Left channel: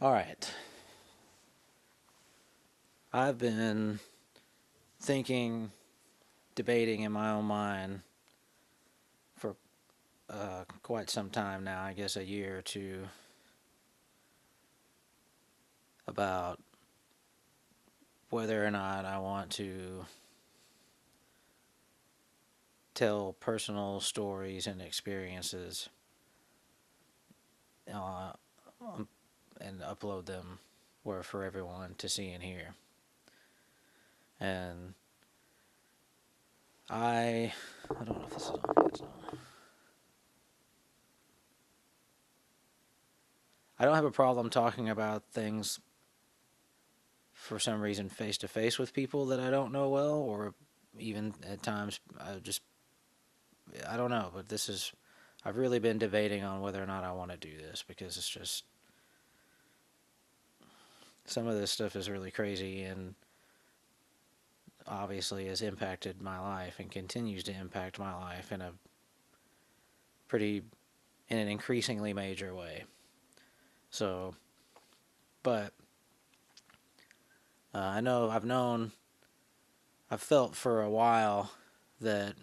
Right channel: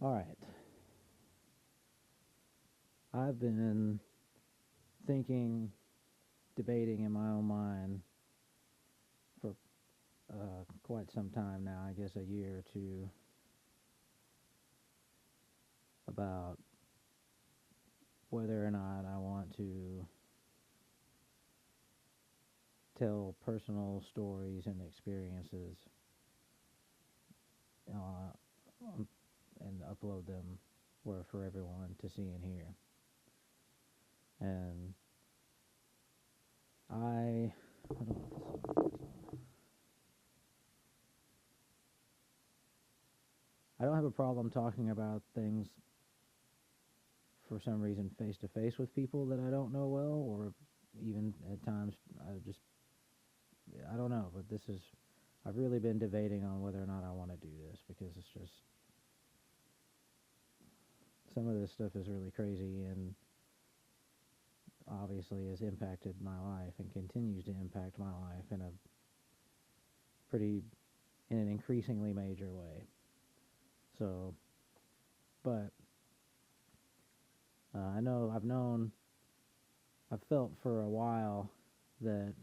All right. I've been thinking, debating in my own mind for quite some time now, I guess a year or two, about whether or not I want to tell personal stories and experiences uh, and upload them where for everyone to see and hear. And I don't know if this is on. It's on. I don't have a problem talking about things for some reason face to face with people that I don't know well, or even at times I don't know. But I've really been debating on whether or not I want to do this because it's just some of this stuff is really crazy and obviously has impacted my life and continues to impact my life pretty in an increasingly major way. So, but I know I've felt for a while that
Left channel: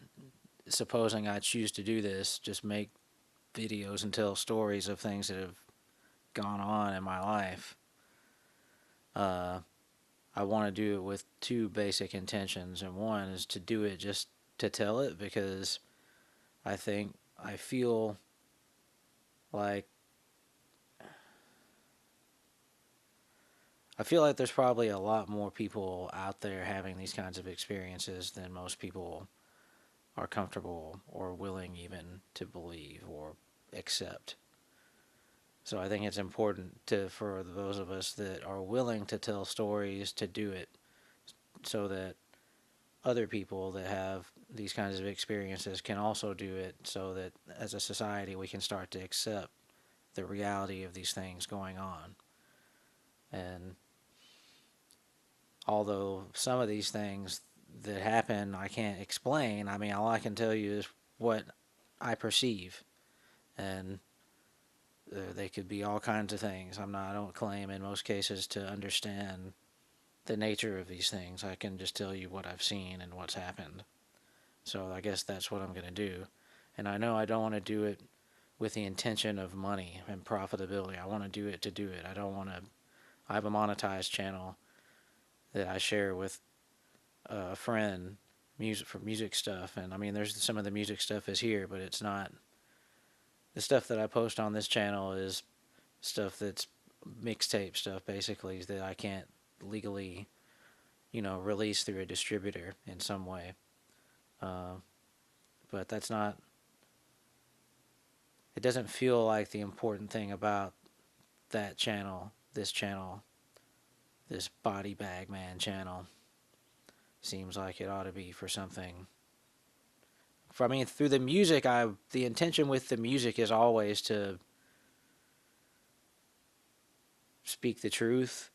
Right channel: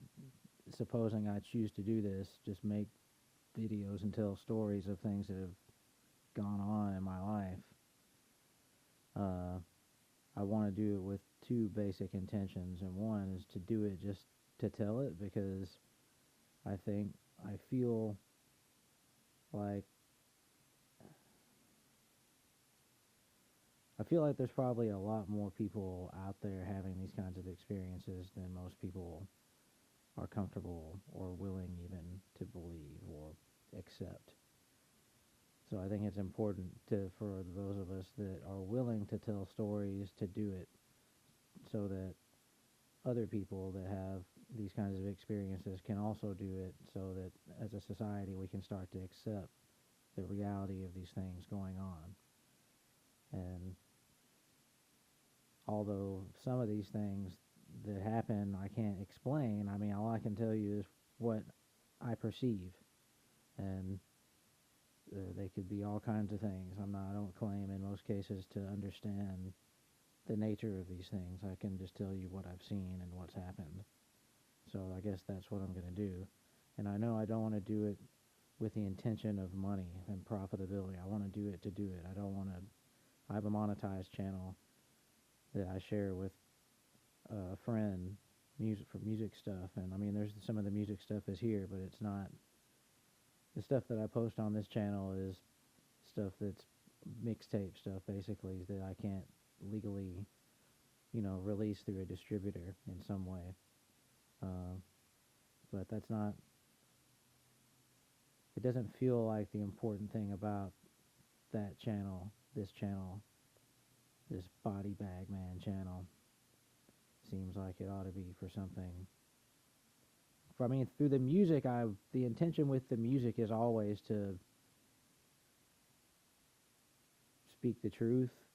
supposing I choose to do this, just make videos and tell stories of things that have gone on in my life. Uh, I want to do it with two basic intentions, and one is to do it just to tell it because I think I feel like there's probably a lot more people out there having these kinds of experiences than most people are comfortable or willing even to believe or accept. So I think it's important for those of us that are willing to tell stories to do it so that other people that have these kinds of experiences can also do it so that as a society we can start to accept the reality of these things going on. And although some of these things that happen I can't explain, I mean, all I can tell you is what I perceive. And they could be all kinds of things. I don't claim in most cases to understand the nature of these things. I can just tell you what I've seen and what's happened. So I guess that's what I'm going to do. And I know I don't want to do it with the intention of money and profitability. I want to do it to do it. I don't want to. I have a monetized channel that I share with a friend, music for music stuff. And I mean, there's some of the music stuff is here, but it's not. The stuff that I post on this channel is stuff that's mixtape stuff, basically, that I can't legally, release through a distributor in some way. Uh, but that's not. It doesn't feel like the important thing about that channel, this Body Bag Man channel, seems like it ought to be for something. I mean, through the music, the intention with the music is always to speak the truth,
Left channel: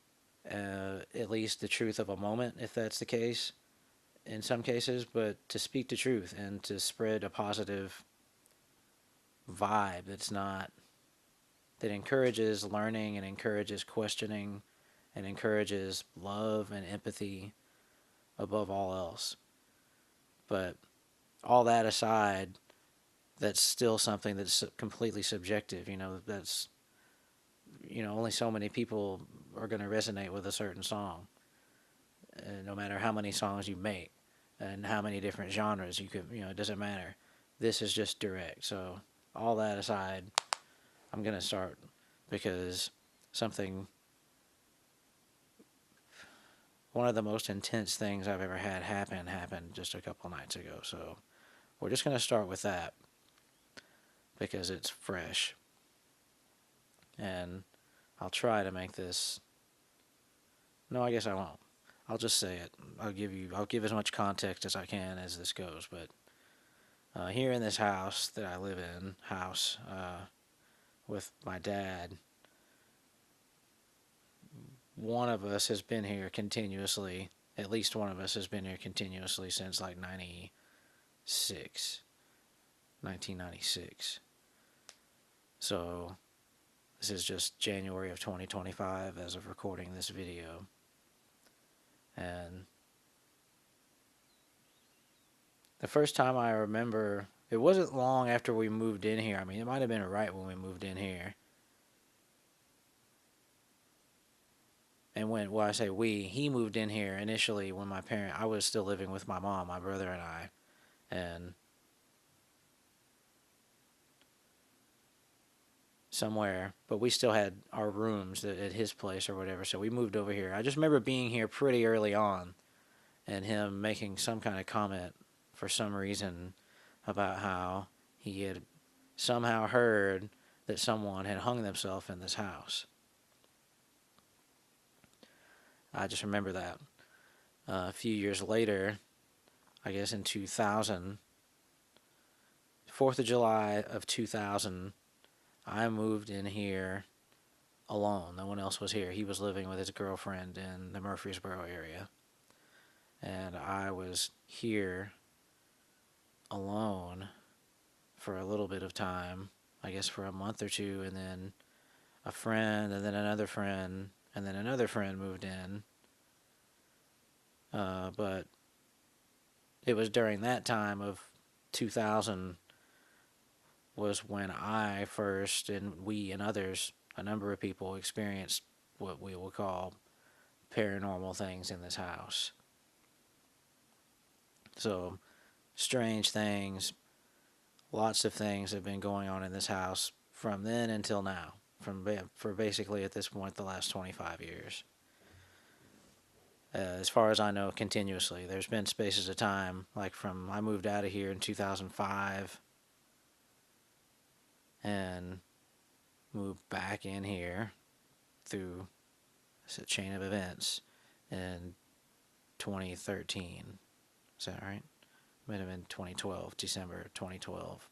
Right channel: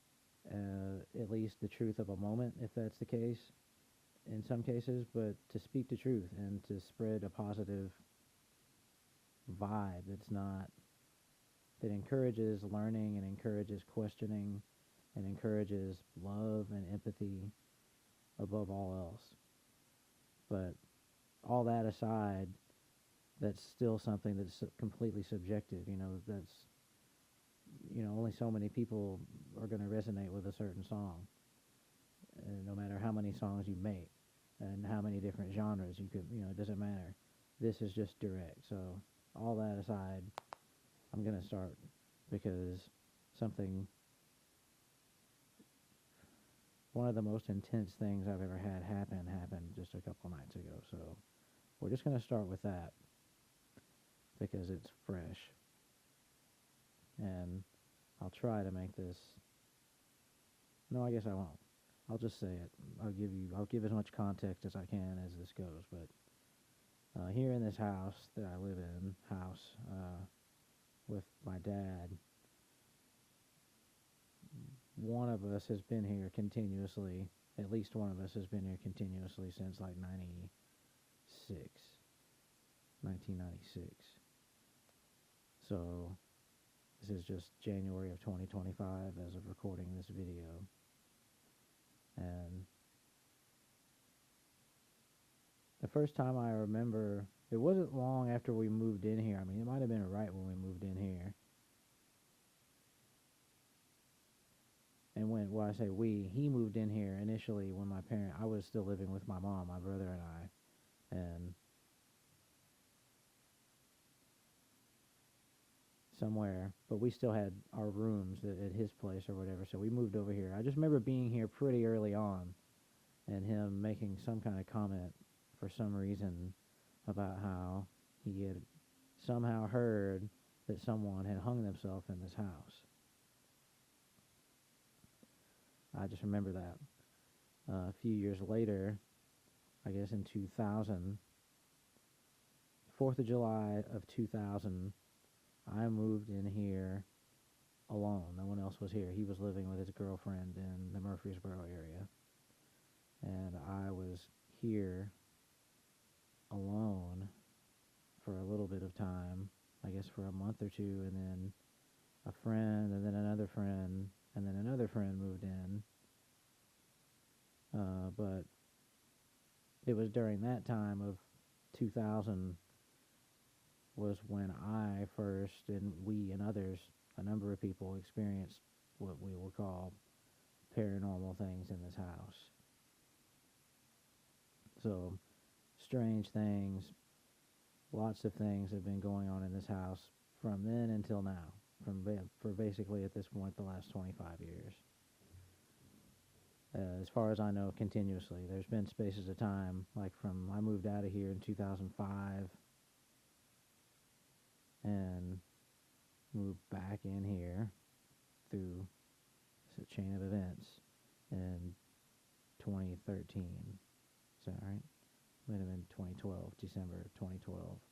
at least the truth of a moment, if that's the case, in some cases, but to speak the truth and to spread a positive vibe that encourages learning and encourages questioning and encourages love and empathy above all else. But all that aside, that's still something that's completely subjective. That's only so many people are going to resonate with a certain song, no matter how many songs you make and how many different genres you could. It doesn't matter. This is just direct. So all that aside, I'm going to start because something one of the most intense things I've ever had happened just a couple nights ago. So we're just going to start with that because it's fresh. And I'll try to make this. No, I guess I won't. I'll just say it. I'll give as much context as I can as this goes. But here in this house that I live in, with my dad, one of us has been here continuously. At least one of us has been here continuously since like 1996. So This is just January of 2025 as of recording this video. And the first time I remember, it wasn't long after we moved in here. I mean, it might have been right when we moved in here. And when I say we, he moved in here initially when I was still living with my mom, my brother and I. And somewhere, but we still had our rooms at his place or whatever, so we moved over here. I just remember being here pretty early on and him making some kind of comment for some reason about how he had somehow heard that someone had hung themselves in this house. I just remember that. A few years later, I guess in 2000, 4th of July of 2000, I moved in here alone. No one else was here. He was living with his girlfriend in the Murfreesboro area. And I was here alone for a little bit of time, I guess for a month or two, and then a friend, and then another friend, and then another friend moved in. But it was during that time of 2000 was when I first, and we and others, a number of people, experienced what we will call paranormal things in this house. So, strange things, lots of things have been going on in this house from then until now, for basically at this point the last 25 years. As far as I know, continuously. There's been spaces of time, like I moved out of here in 2005 and moved back in here through a chain of events in 2013. Is that right? Might have been 2012, December 2012,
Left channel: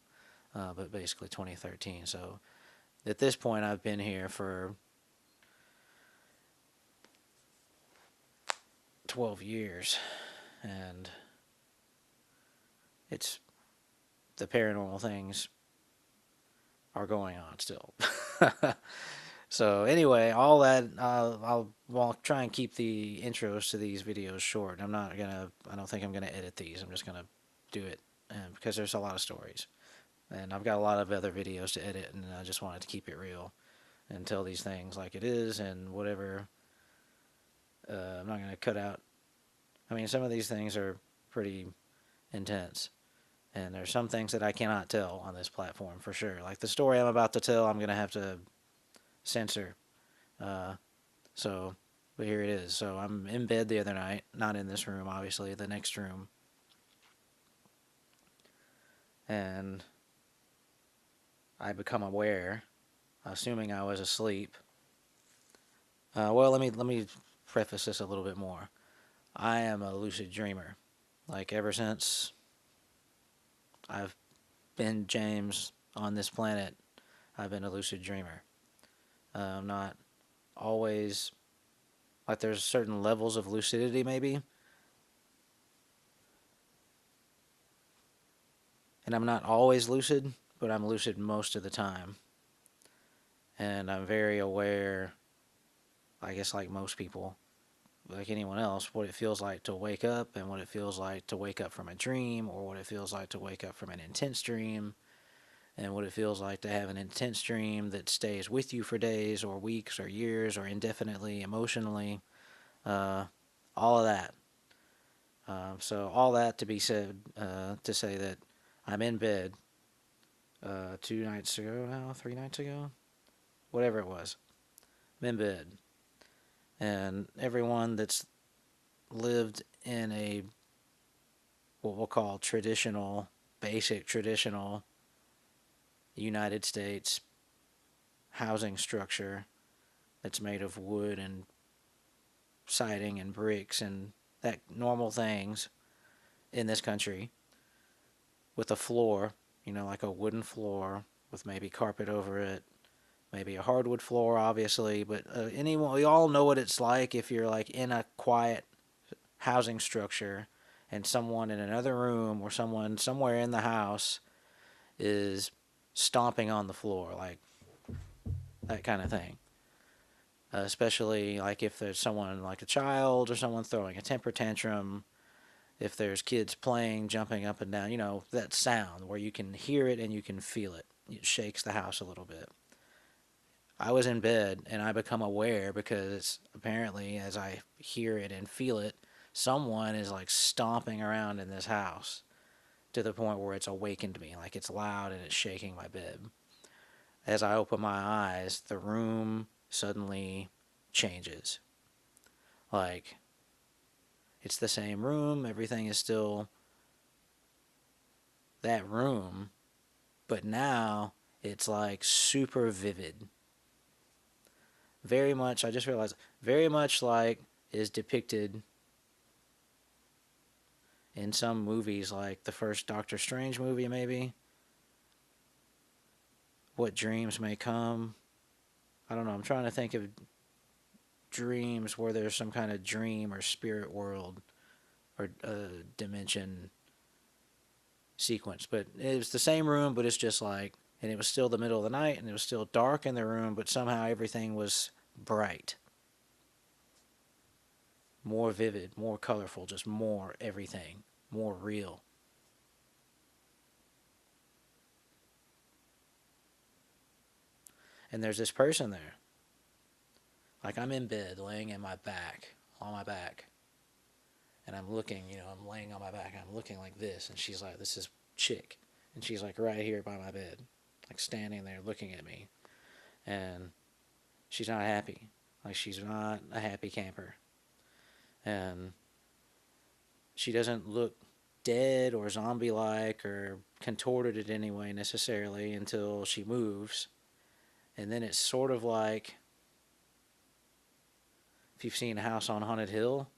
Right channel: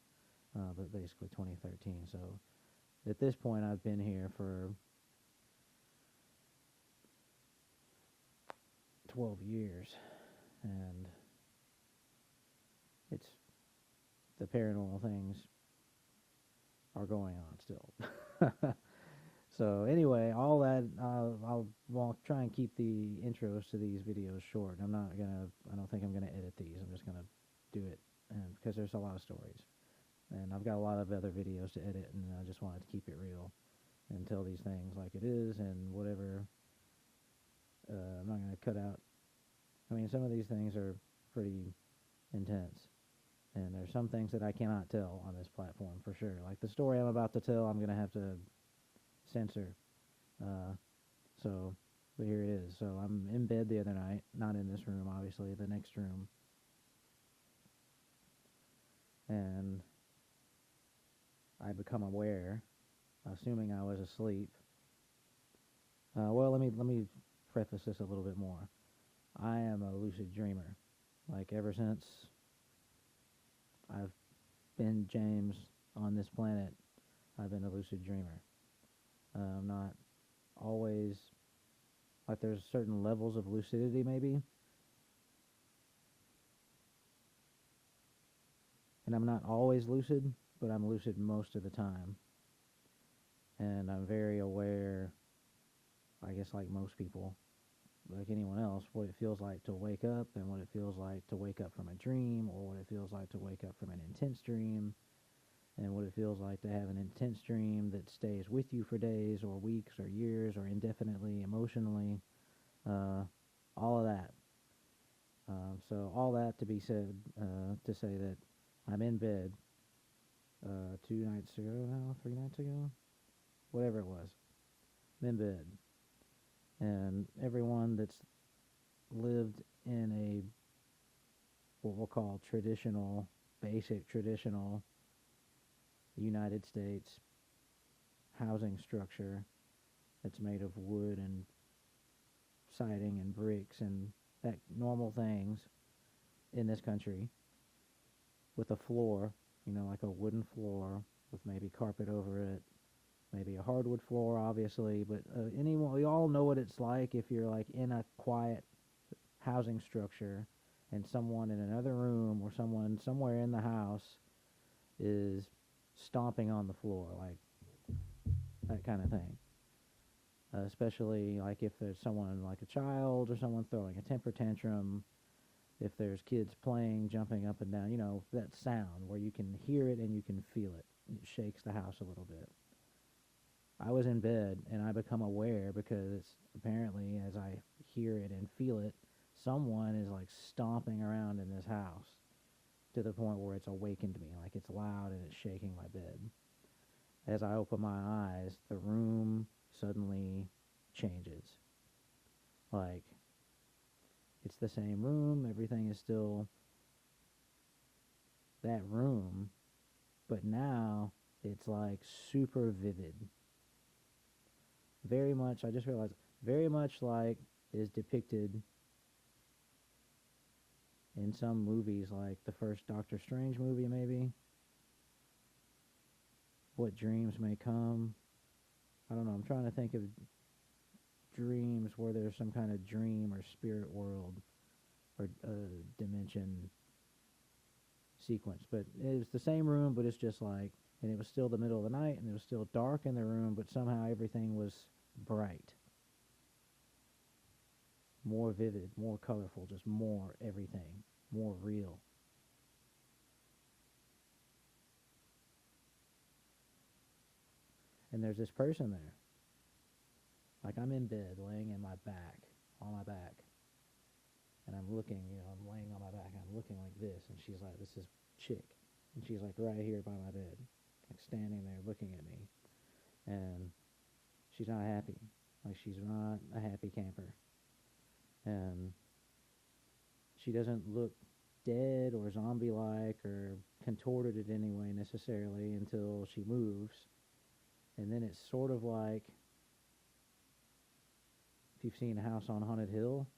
but basically 2013. So at this point, I've been here for 12 years, and the paranormal things are going on still. So anyway, all that, I'll try and keep the intros to these videos short. I don't think I'm gonna edit these. I'm just gonna do it, because there's a lot of stories, and I've got a lot of other videos to edit, and I just wanted to keep it real and tell these things like it is, and whatever. I'm not gonna cut out. I mean, some of these things are pretty intense, and there's some things that I cannot tell on this platform for sure. Like the story I'm about to tell, I'm gonna have to censor. But here it is. So I'm in bed the other night, not in this room, obviously, the next room. And I become aware, assuming I was asleep. Well, let me preface this a little bit more. I am a lucid dreamer. Like ever since I've been James on this planet, I've been a lucid dreamer. I'm not always, like there's certain levels of lucidity maybe, and I'm not always lucid, but I'm lucid most of the time. And I'm very aware, I guess like most people, like anyone else, what it feels like to wake up, and what it feels like to wake up from a dream, or what it feels like to wake up from an intense dream, and what it feels like to have an intense dream that stays with you for days or weeks or years or indefinitely emotionally. All of that. So all that to be said, to say that I'm in bed 2 nights ago now, 3 nights ago, whatever it was. I'm in bed. And everyone that's lived in a, what we'll call basic traditional United States housing structure that's made of wood and siding and bricks and that normal things in this country, with a floor, like a wooden floor with maybe carpet over it, maybe a hardwood floor, obviously, but we all know what it's like if you're like in a quiet housing structure and someone in another room or someone somewhere in the house is stomping on the floor, like that kind of thing. Especially like if there's someone like a child or someone throwing a temper tantrum, if there's kids playing, jumping up and down, that sound where you can hear it and you can feel it. It shakes the house a little bit. I was in bed and I become aware because apparently, as I hear it and feel it, someone is like stomping around in this house to the point where it's awakened me. Like it's loud and it's shaking my bed. As I open my eyes, the room suddenly changes. Like it's the same room, everything is still that room, but now it's like super vivid. Very much, I just realized, very much like is depicted in some movies, like the first Doctor Strange movie, maybe. What dreams may come. I don't know. I'm trying to think of dreams where there's some kind of dream or spirit world or dimension sequence. But it was the same room, but it's just like, and it was still the middle of the night, and it was still dark in the room, but somehow everything was bright, more vivid, more colorful, just more everything, more real. And there's this person there. Like I'm in bed, laying in my back, on my back, and I'm looking, I'm laying on my back, and I'm looking like this, and she's like, this is chick, and she's like right here by my bed, like standing there looking at me, and she's not happy, like she's not a happy camper, and she doesn't look dead or zombie-like or contorted in any way necessarily until she moves, and then it's sort of like if you've seen a House on Haunted Hill,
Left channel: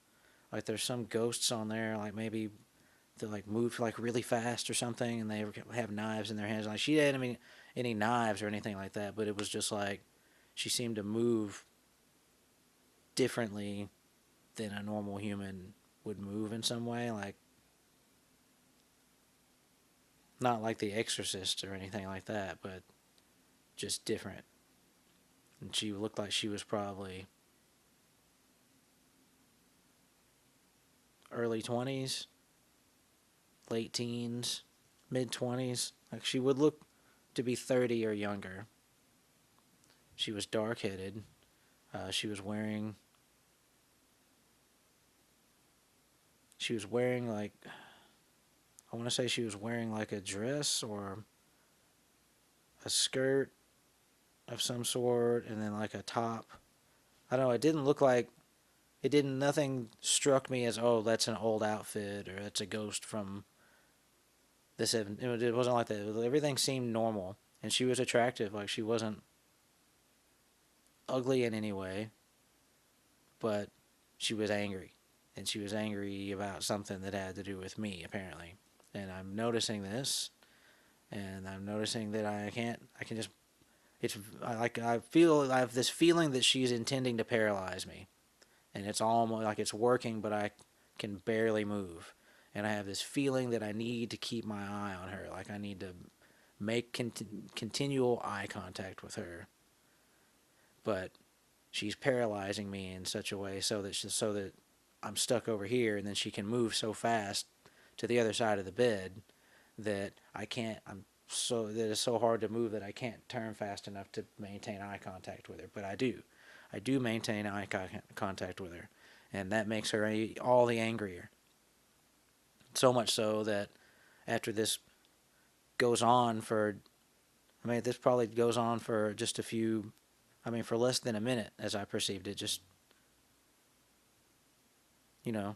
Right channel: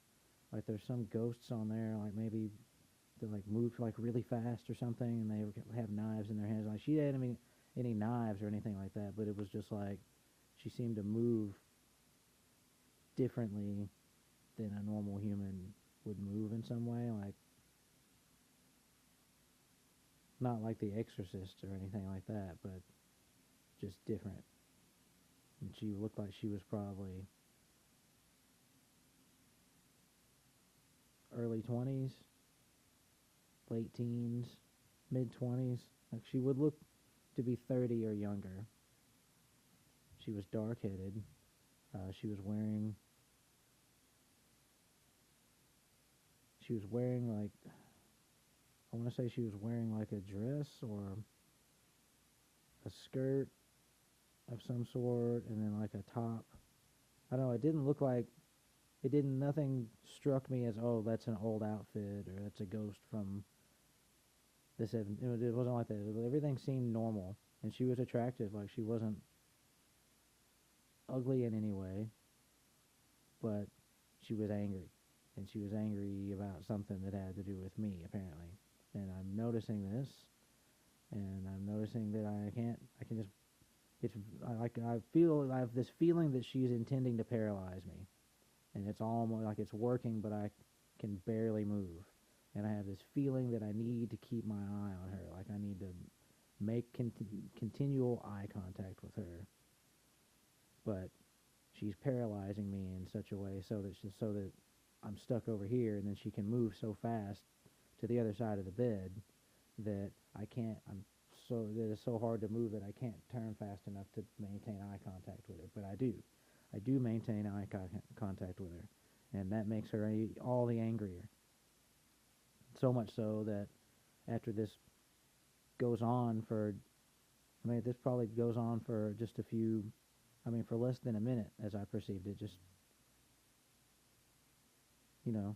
like there's some ghosts on there, like maybe they like move like really fast or something, and they have knives in their hands. Like she didn't have any knives or anything like that, but it was just like she seemed to move differently than a normal human would move in some way, like not like The Exorcist or anything like that, but just different. And she looked like she was probably early 20s, late teens, mid 20s. Like she would look to be 30 or younger. She was dark headed. She was wearing. She was wearing like. I want to say she was wearing like a dress or a skirt of some sort, and then like a top. I don't know. It didn't look like. It didn't. Nothing struck me as, oh, that's an old outfit or that's a ghost from this. It wasn't like that. Everything seemed normal, and she was attractive. Like she wasn't ugly in any way, but she was angry. And she was angry about something that had to do with me, apparently. And I'm noticing this, and I'm noticing that I can just, it's like, I have this feeling that she's intending to paralyze me. And it's almost like it's working, but I can barely move. And I have this feeling that I need to keep my eye on her. Like I need to make continual eye contact with her. But she's paralyzing me in such a way so that I'm stuck over here, and then she can move so fast to the other side of the bed that I can't. That it's so hard to move that I can't turn fast enough to maintain eye contact with her. But I do. I do maintain eye contact with her, and that makes her all the angrier. So much so that after this goes on for, this probably goes on for just a few. For less than a minute, as I perceived it, just, you know,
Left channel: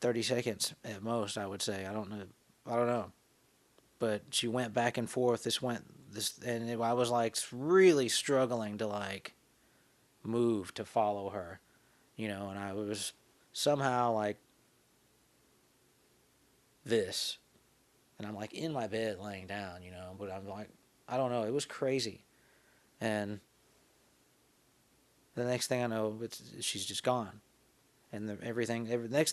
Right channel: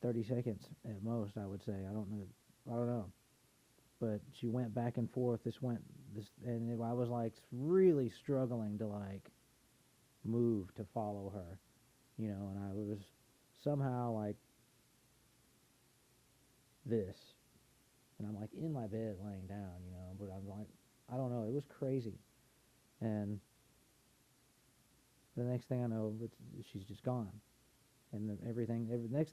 30 seconds at most, I would say. I don't know. I don't know. But she went back and forth. I was like really struggling to like move to follow her, and I was somehow like this. And I'm like in my bed laying down, but I'm like, I don't know. It was crazy. And the next thing I know, she's just gone. And next thing I know, the next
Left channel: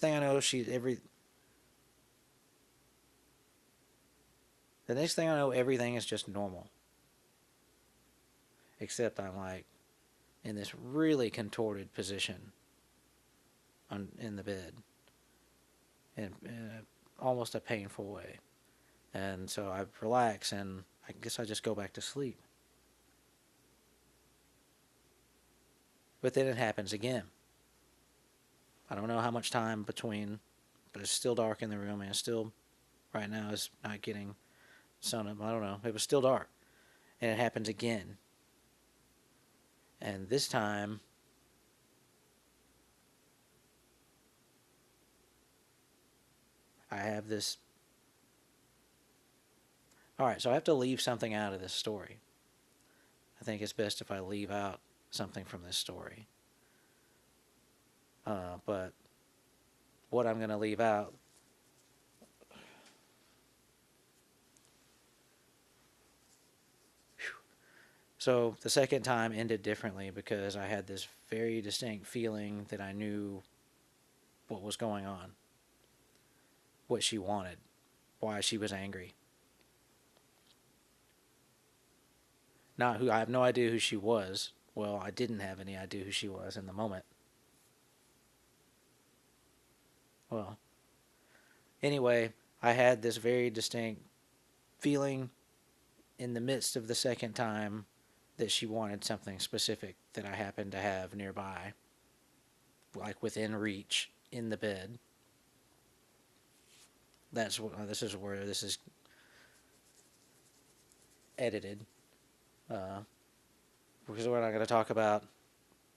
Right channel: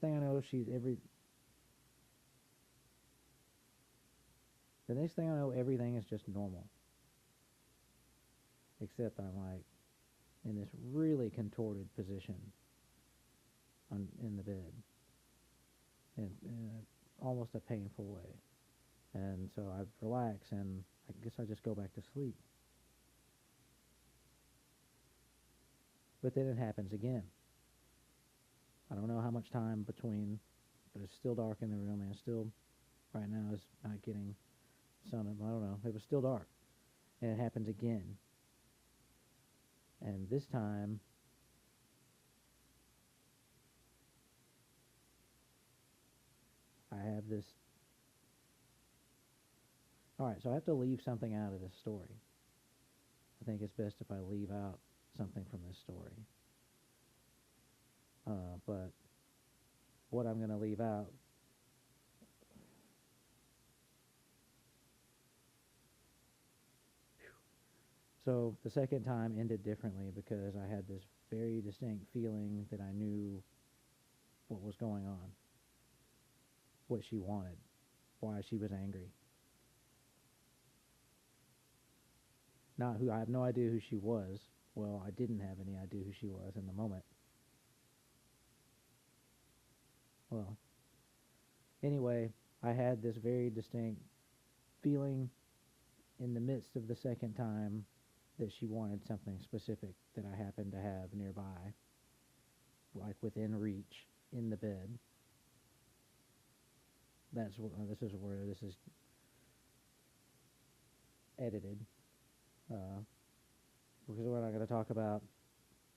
thing I know, everything is just normal. except I'm like in this really contorted position in the bed in almost a painful way. And so I relax, and I guess I just go back to sleep. But then it happens again. I don't know how much time between, but it's still dark in the room, and it's still, right now, it's not getting sun up. I don't know. It was still dark. And it happens again. And this time, I have this. All right, so I have to leave something out of this story. I think it's best if I leave out something from this story. But what I'm going to leave out. So the second time ended differently because I had this very distinct feeling that I knew what was going on, what she wanted, why she was angry. Not who, I have no idea who she was. Well, I didn't have any idea who she was in the moment. Well, anyway, I had this very distinct feeling in the midst of the second time that she wanted something specific that I happened to have nearby, like within reach in the bed. That's what this is where this is edited, because we're not going to talk about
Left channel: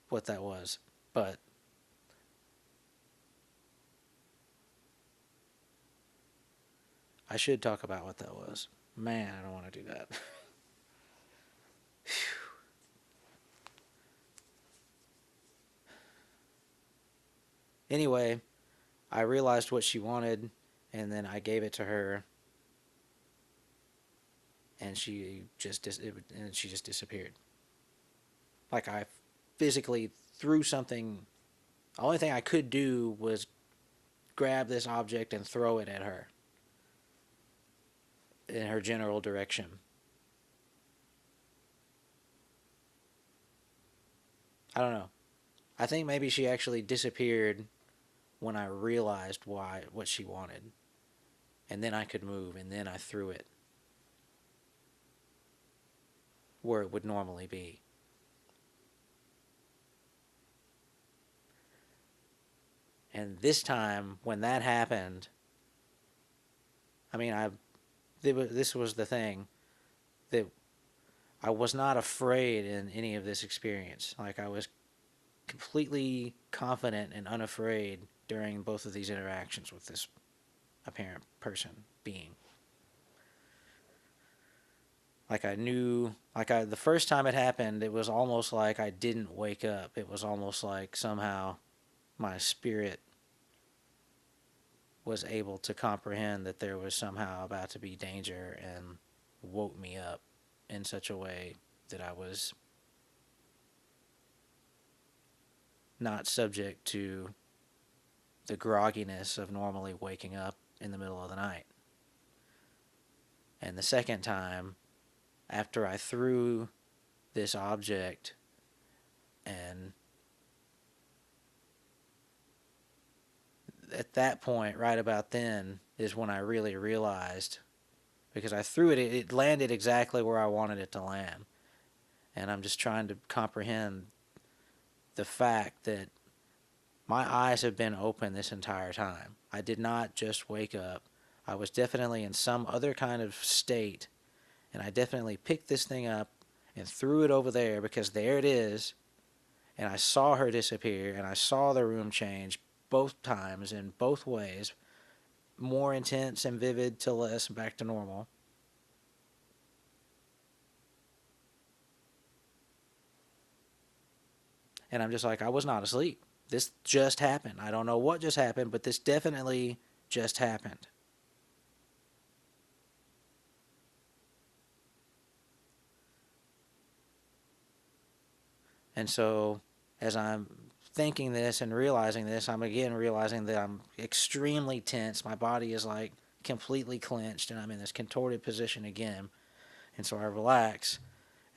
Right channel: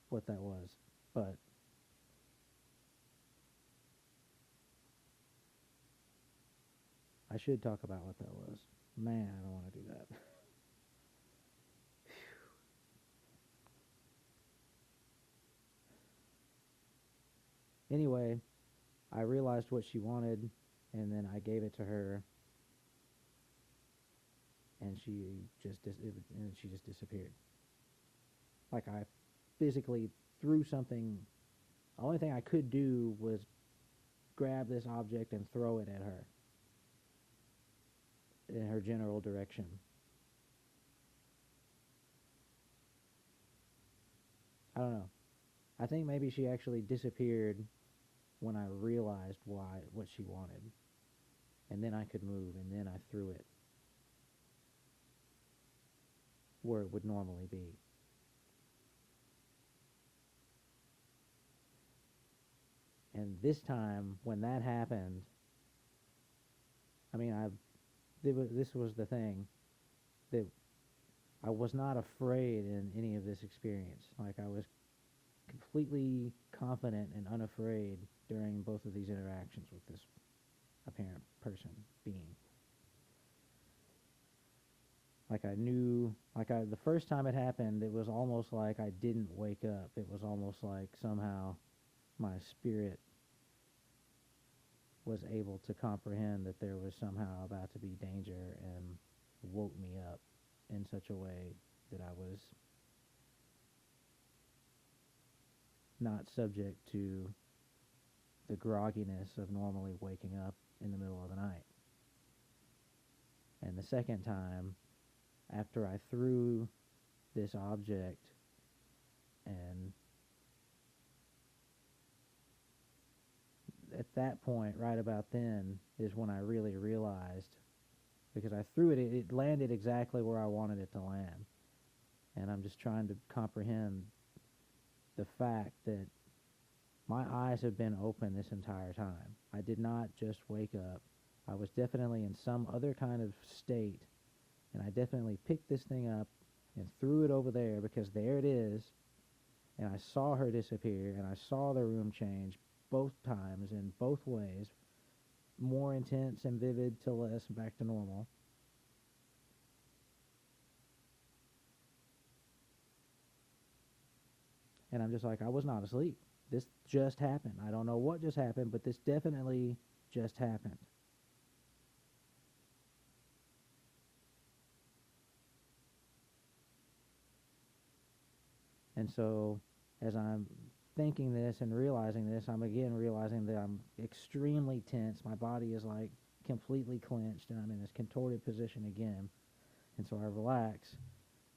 what that was, but I should talk about what that was. Man, I don't want to do that. Anyway, I realized what she wanted, and then I gave it to her, and she just disappeared. Like I physically threw something. The only thing I could do was grab this object and throw it at her in her general direction. I don't know. I think maybe she actually disappeared when I realized what she wanted. And then I could move, and then I threw it where it would normally be. And this time, when that happened, I mean, this was the thing, that I was not afraid in any of this experience. Like, I was completely confident and unafraid during both of these interactions with this apparent person, being. Like, I knew, the first time it happened, it was almost like I didn't wake up. It was almost like somehow my spirit was able to comprehend that there was somehow about to be danger and woke me up in such a way that I was not subject to the grogginess of normally waking up in the middle of the night. And the second time, after I threw this object, and at that point, right about then, is when I really realized, because I threw it, it landed exactly where I wanted it to land. And I'm just trying to comprehend the fact that my eyes have been open this entire time. I did not just wake up. I was definitely in some other kind of state, and I definitely picked this thing up and threw it over there because there it is, and I saw her disappear, and I saw the room change both times in both ways, more intense and vivid to less back to normal. And I'm just like, I was not asleep. This just happened. I don't know what just happened, but this definitely just happened. And so, as I'm thinking this and realizing this, I'm again realizing that I'm extremely tense. My body is like completely clenched, and I'm in this contorted position again. And so I relax,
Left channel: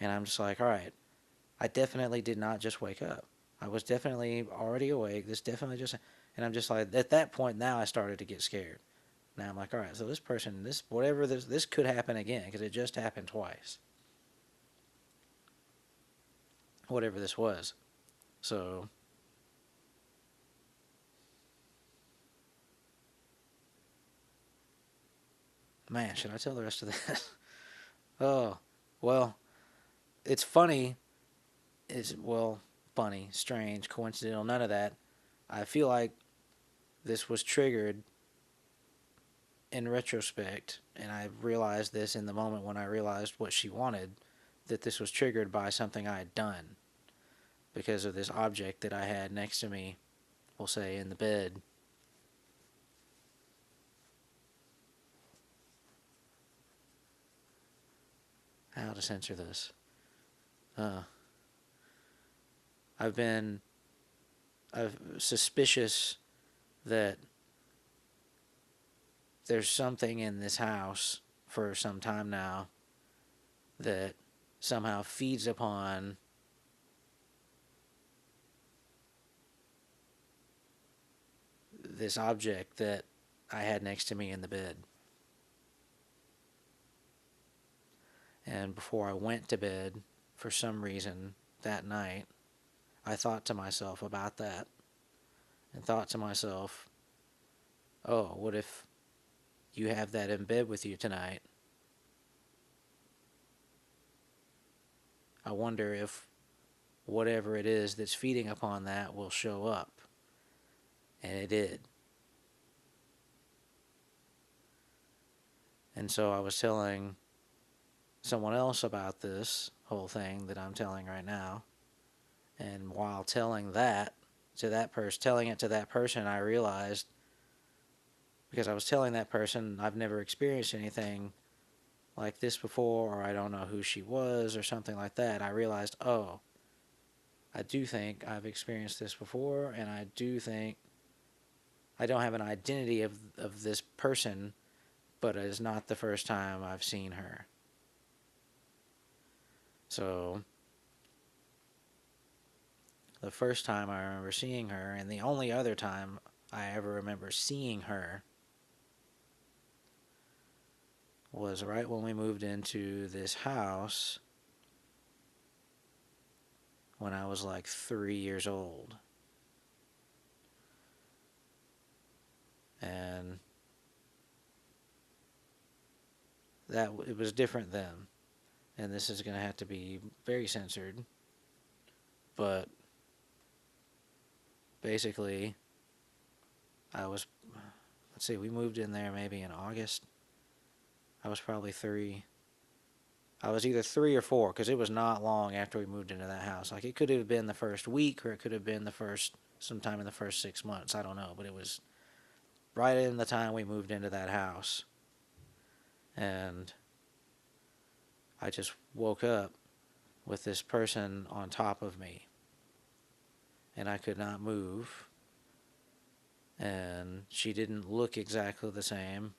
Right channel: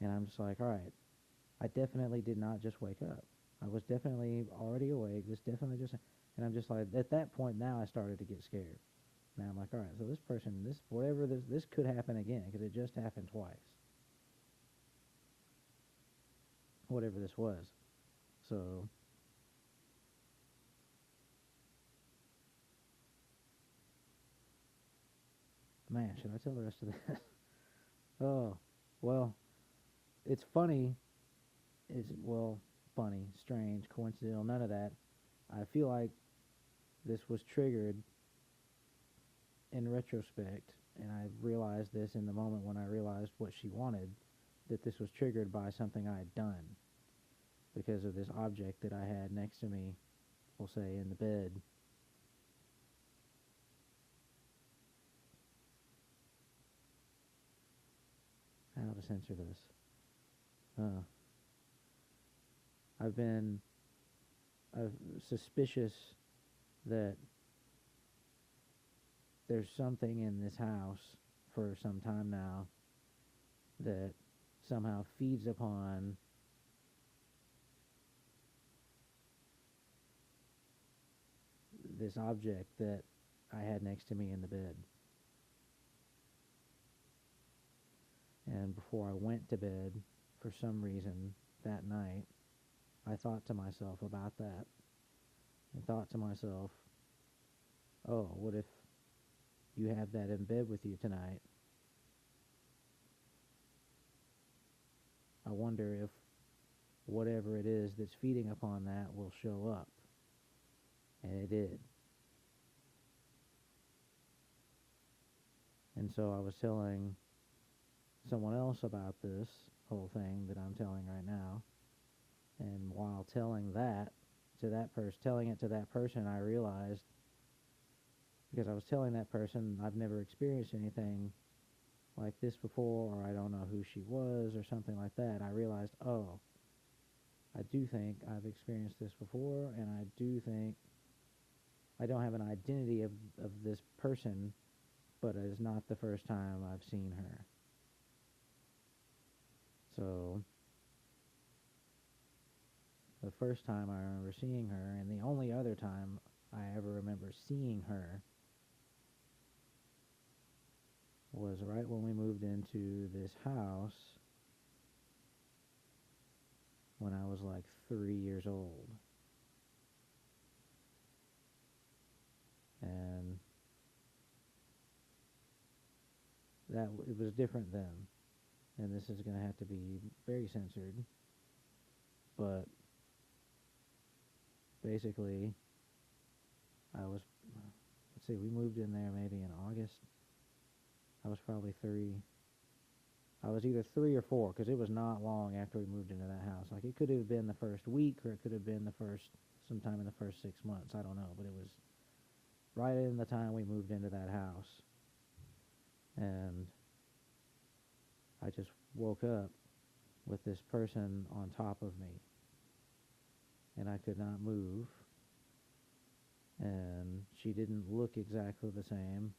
and I'm just like, all right, I definitely did not just wake up. I was definitely already awake. This definitely just, and I'm just like, at that point now I started to get scared. Now I'm like, all right, so this person, this, whatever this could happen again because it just happened twice. Whatever this was. So, man, should I tell the rest of this? Oh, well, it's funny. It's, well, funny, strange, coincidental, none of that. I feel like this was triggered in retrospect, and I realized this in the moment when I realized what she wanted, that this was triggered by something I had done because of this object that I had next to me, we'll say in the bed. How to censor this? Uh, I've been suspicious that there's something in this house for some time now that somehow feeds upon this object that I had next to me in the bed. And before I went to bed, for some reason that night, I thought to myself about that and thought to myself, oh, what if you have that in bed with you tonight? I wonder if whatever it is that's feeding upon that will show up. And it did. And so I was telling someone else about this whole thing that I'm telling right now. And while telling that to that person, telling it to that person, I realized, because I was telling that person I've never experienced anything like this before, or I don't know who she was, or something like that, I realized, oh, I do think I've experienced this before, and I do think I don't have an identity of this person, but it is not the first time I've seen her. So, the first time I remember seeing her, and the only other time I ever remember seeing her, was right when we moved into this house when I was like 3 years old. And that it was different then. And this is going to have to be very censored. But basically, I was, let's see, we moved in there maybe in August. I was probably 3. I was either 3 or 4 because it was not long after we moved into that house. Like, it could have been the first week or it could have been the first, sometime in the first 6 months. I don't know. But it was right in the time we moved into that house. And I just woke up with this person on top of me. And I could not move. And she didn't look exactly the same.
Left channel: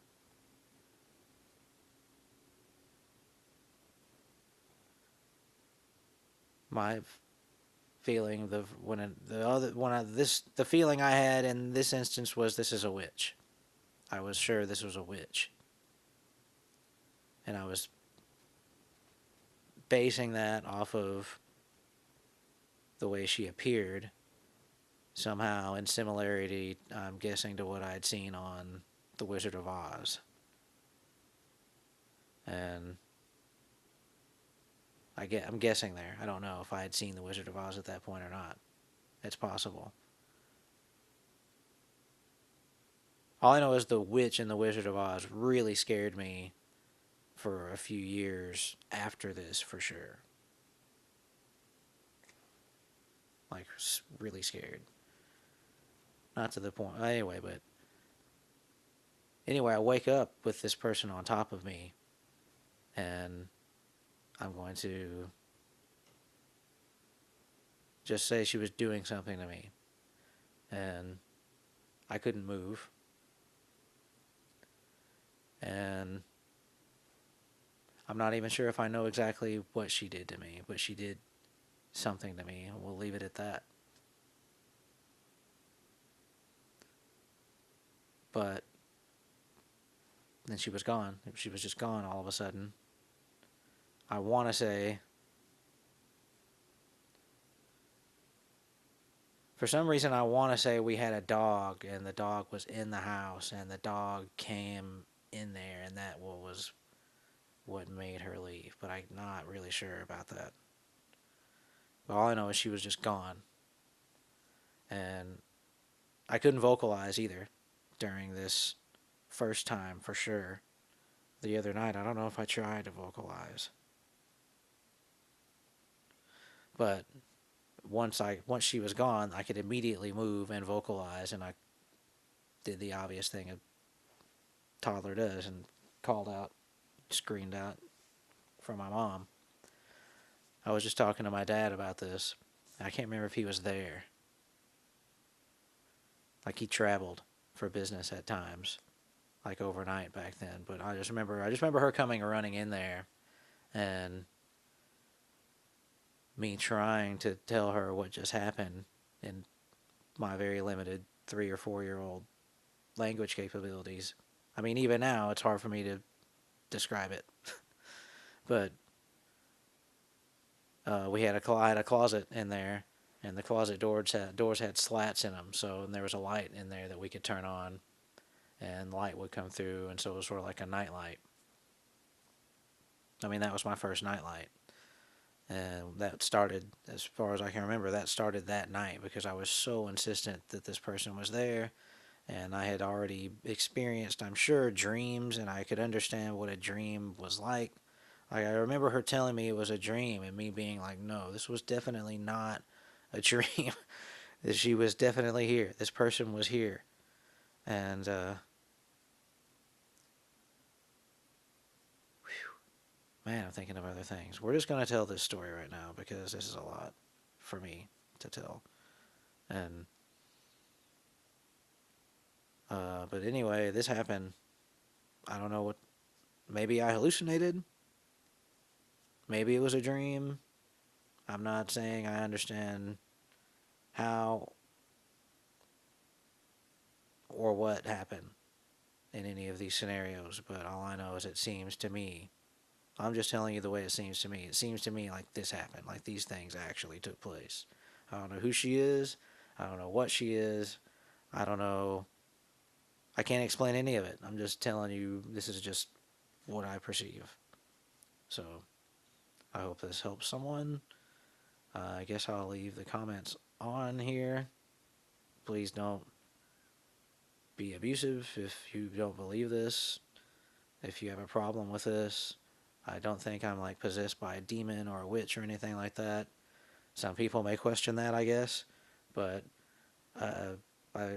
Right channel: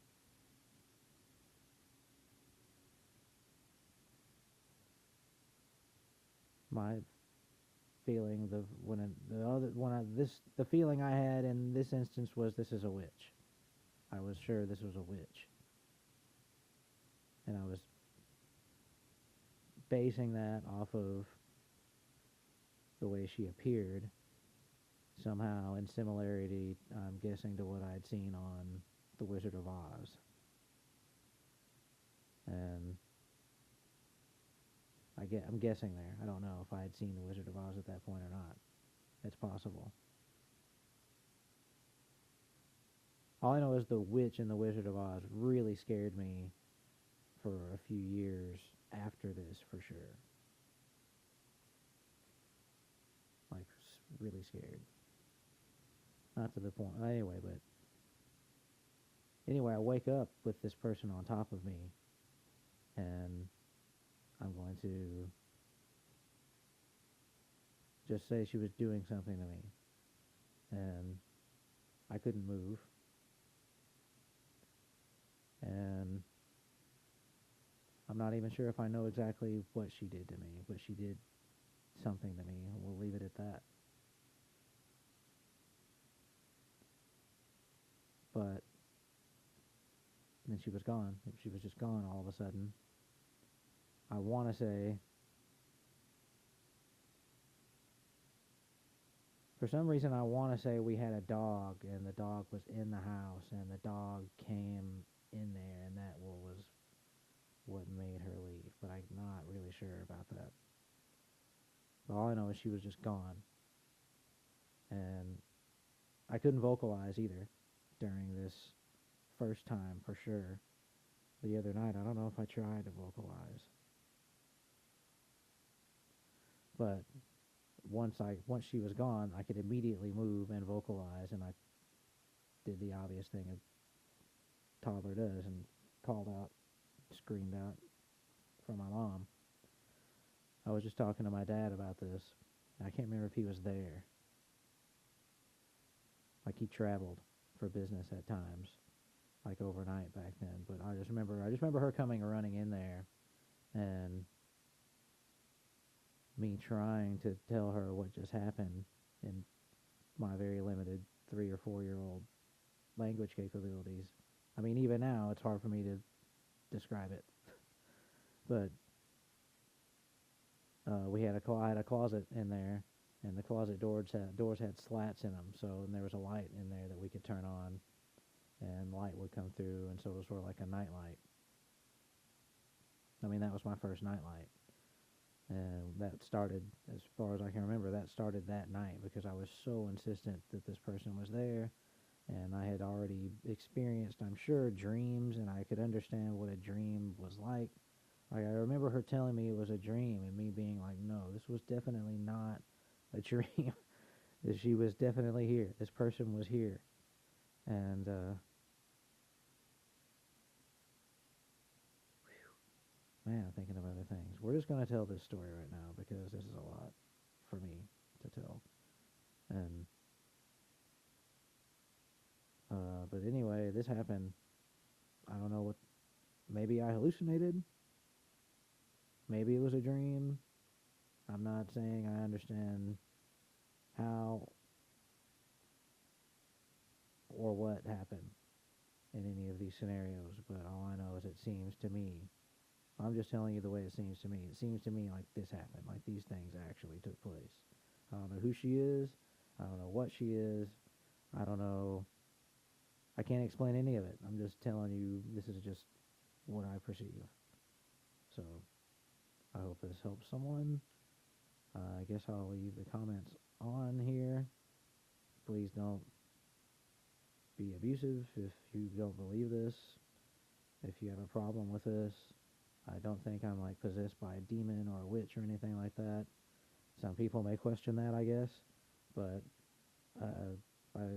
My feeling, the feeling I had in this instance was, this is a witch. I was sure this was a witch. And I was basing that off of the way she appeared, somehow in similarity, I'm guessing, to what I'd seen on The Wizard of Oz. And I'm guessing there. I don't know if I had seen The Wizard of Oz at that point or not. It's possible. All I know is the witch in The Wizard of Oz really scared me for a few years after this, for sure. Like, really scared. Not to the point. Anyway, but anyway, I wake up with this person on top of me, and I'm going to just say she was doing something to me, and I couldn't move. And I'm not even sure if I know exactly what she did to me, but she did something to me, and we'll leave it at that. But then she was gone. She was just gone all of a sudden. I want to say, for some reason, I want to say we had a dog, and the dog was in the house, and the dog came in there, and that was what made her leave. But I'm not really sure about that. But all I know is she was just gone. And I couldn't vocalize either during this first time, for sure. The other night, I don't know if I tried to vocalize. But once she was gone, I could immediately move and vocalize, and I did the obvious thing a toddler does and called out, screamed out for my mom. I was just talking to my dad about this. I can't remember if he was there. Like, he traveled for business at times, like overnight back then. But I just remember her coming and running in there, and me trying to tell her what just happened in my very limited 3 or 4 year old language capabilities. I mean, even now, it's hard for me to describe it. But I had a closet in there, and the closet doors had slats in them, so there was a light in there that we could turn on, and light would come through, and so it was sort of like a night light. I mean, that was my first night light. And that started, as far as I can remember, that started that night because I was so insistent that this person was there. And I had already experienced, I'm sure, dreams, and I could understand what a dream was like. Like, I remember her telling me it was a dream, and me being like, no, this was definitely not a dream. She was definitely here. This person was here. And, man, I'm thinking of other things. We're just going to tell this story right now because this is a lot for me to tell. And, but anyway, this happened. I don't know what, maybe I hallucinated. Maybe it was a dream. I'm not saying I understand how or what happened in any of these scenarios, but all I know is it seems to me, I'm just telling you the way it seems to me. It seems to me like this happened, like these things actually took place. I don't know who she is. I don't know what she is. I don't know. I can't explain any of it. I'm just telling you this is just what I perceive. So I hope this helps someone. I guess I'll leave the comments on here. Please don't be abusive if you don't believe this. If you have a problem with this, I don't think I'm like possessed by a demon or a witch or anything like that. Some people may question that, I guess, but I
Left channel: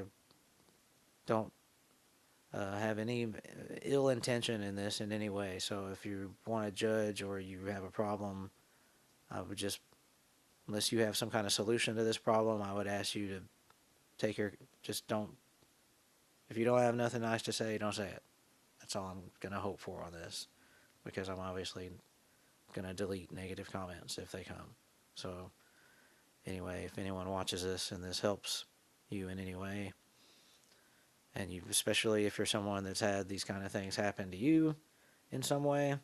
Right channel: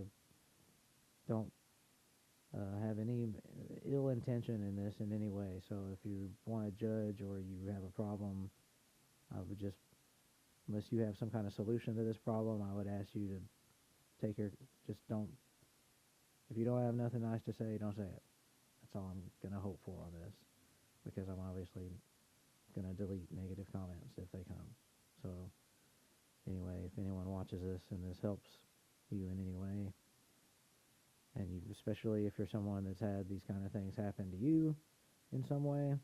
don't have any ill intention in this in any way. So if you want to judge or you have a problem, I would just, unless you have some kind of solution to this problem, I would ask you to just don't, if you don't have nothing nice to say, don't say it. That's all I'm going to hope for on this, because I'm obviously going to delete negative comments if they come. So anyway, if anyone watches this and this helps you in any way, and you, especially if you're someone that's had these kind of things happen to you in some way,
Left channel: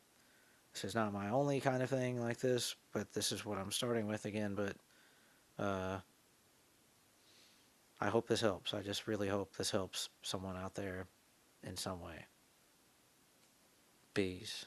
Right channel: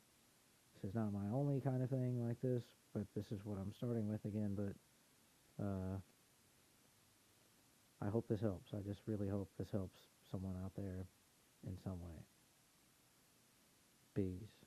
this is not my only kind of thing like this, but this is what I'm starting with again. But I hope this helps. I just really hope this helps someone out there in some way. Peace.